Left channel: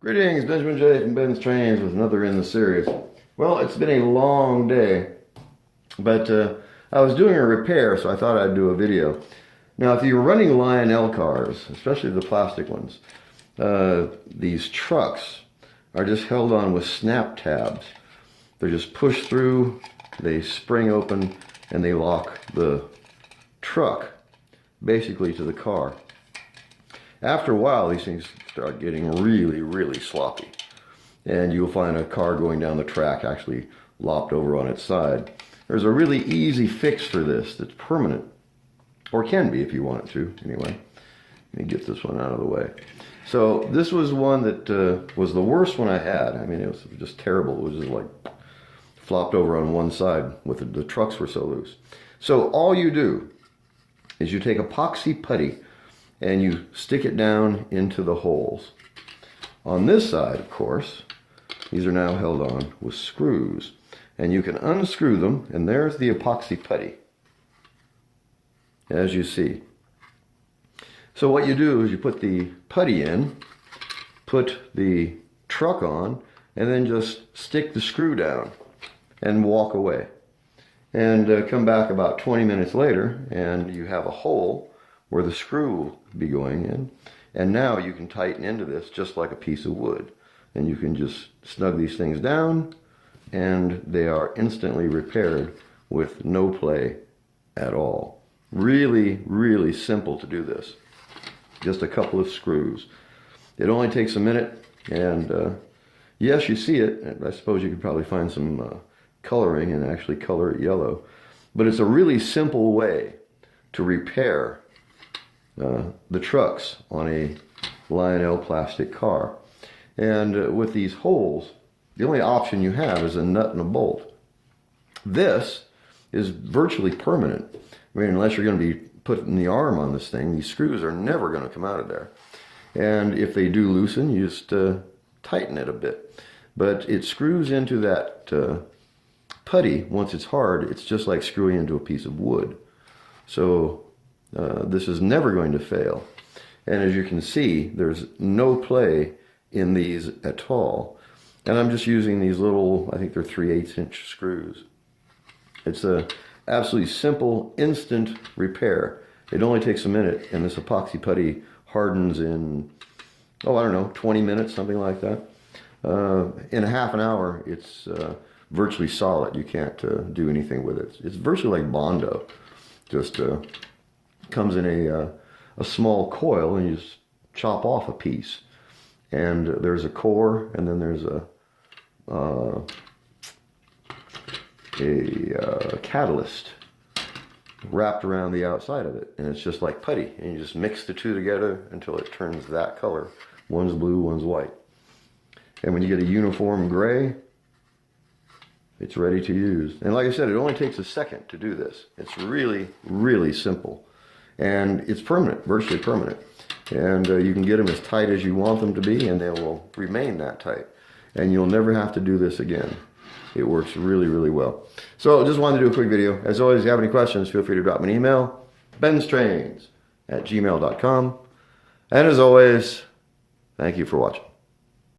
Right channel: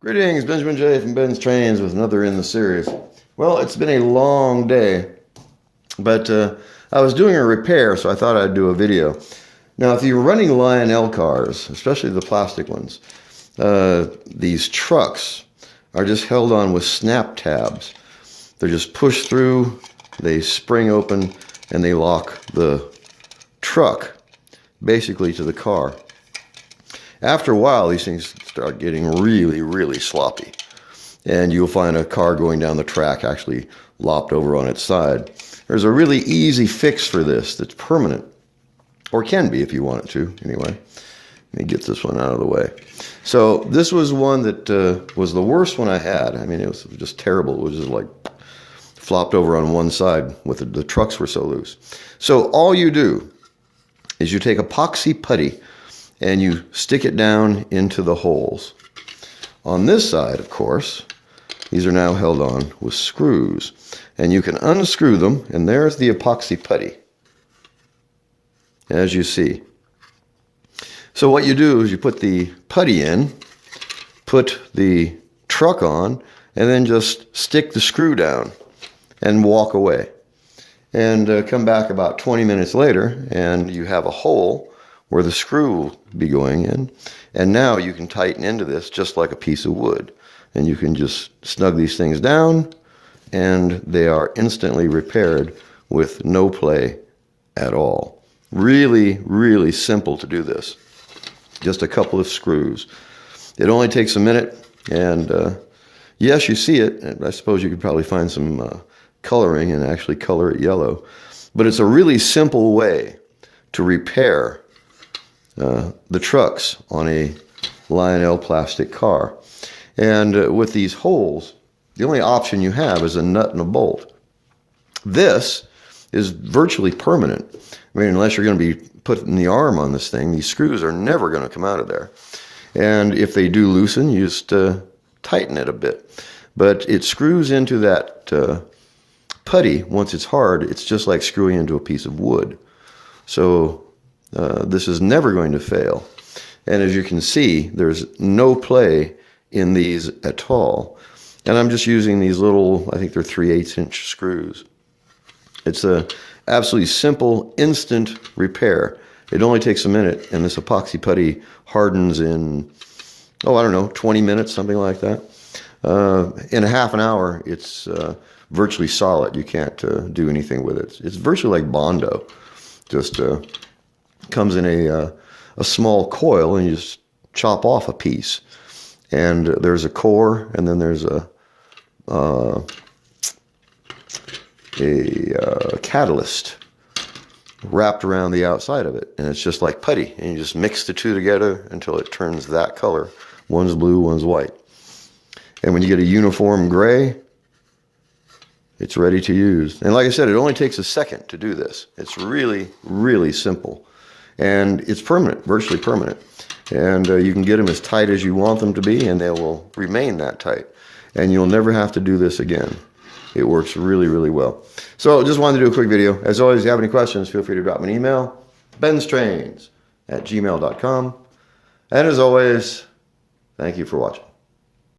Greetings, Benjamin J. from Ben's Trains with another in the series. Well, it's been a long day, but I was doing a repair, so I thought I'd do a video. Now, if you're running Lionel cars, especially the plastic ones, these trucks are just held on with snap tabs. They're just pushed through, they spring open, and they lock the truck basically to the car. After a while, these things start getting really, really sloppy. And you'll find a car going down the track actually lopped over on its side. There's a really easy fix for this that's permanent. Or can be if you want it to, anyway. Let me get this one out of the way. So this was one that was the worst one I had. I mean, it was just terrible. It was just like flopped over on one side with the trucks were so loose. So all you do is you take epoxy putty and you stick it down into the holes. On this side, of course, these are now held on with screws. And you can unscrew them, and there's the epoxy putty, as you see. So what you do is you put the putty in, put the truck on, and then just stick the screw down and walk away. And come back about 20 minutes later, and you have a hole where the screw will be going in. And now you can tighten into this just like a piece of wood. And you can just snug these things down, and they are instantly repaired with no play at all. Really, really simple to do this. Just a couple of screws. It only takes a minute, and yes, you see it. And I suppose you could probably find some coloring and actually color it yellow. But it's a really simple way to repair the trucks on a Lionel plastic car. And with these holes, the only option you have is a nut and a bolt. This is virtually permanent. I mean, unless you're going to be putting the arm on this thing, these screws are never going to come out of there. And if they do loosen, you just tighten it a bit. But it screws into that putty. Once it's hard, it's just like screwing into a piece of wood. So this is never going to fail. And as you can see, there's no play in these at all. And I'm just using these little, I think they're 3/8" screws. It's a absolutely simple, instant repair. It only takes a minute, and this epoxy putty hardens in, I don't know, 20 minutes, something like that. In a half an hour, it's virtually solid. You can't do anything with it. It's virtually like Bondo. Just comes in a small coil, and you just chop off a piece. And there's a core, and then there's a catalyst wrapped around the outside of it. And it's just like putty. And you just mix the two together until it turns that color. One's blue, one's white. And when you get a uniform gray, it's ready to use. And like I said, it only takes a second to do this. It's really, really simple. And it's permanent, virtually permanent. And you can get them as tight as you want them to be, and they will remain that tight. And you'll never have to do this again. It works really, really well. So just wanted to do a quick video. As always, if you have any questions, feel free to drop me an email, BENZTRAINZ@gmail.com. And as always, thank you for watching.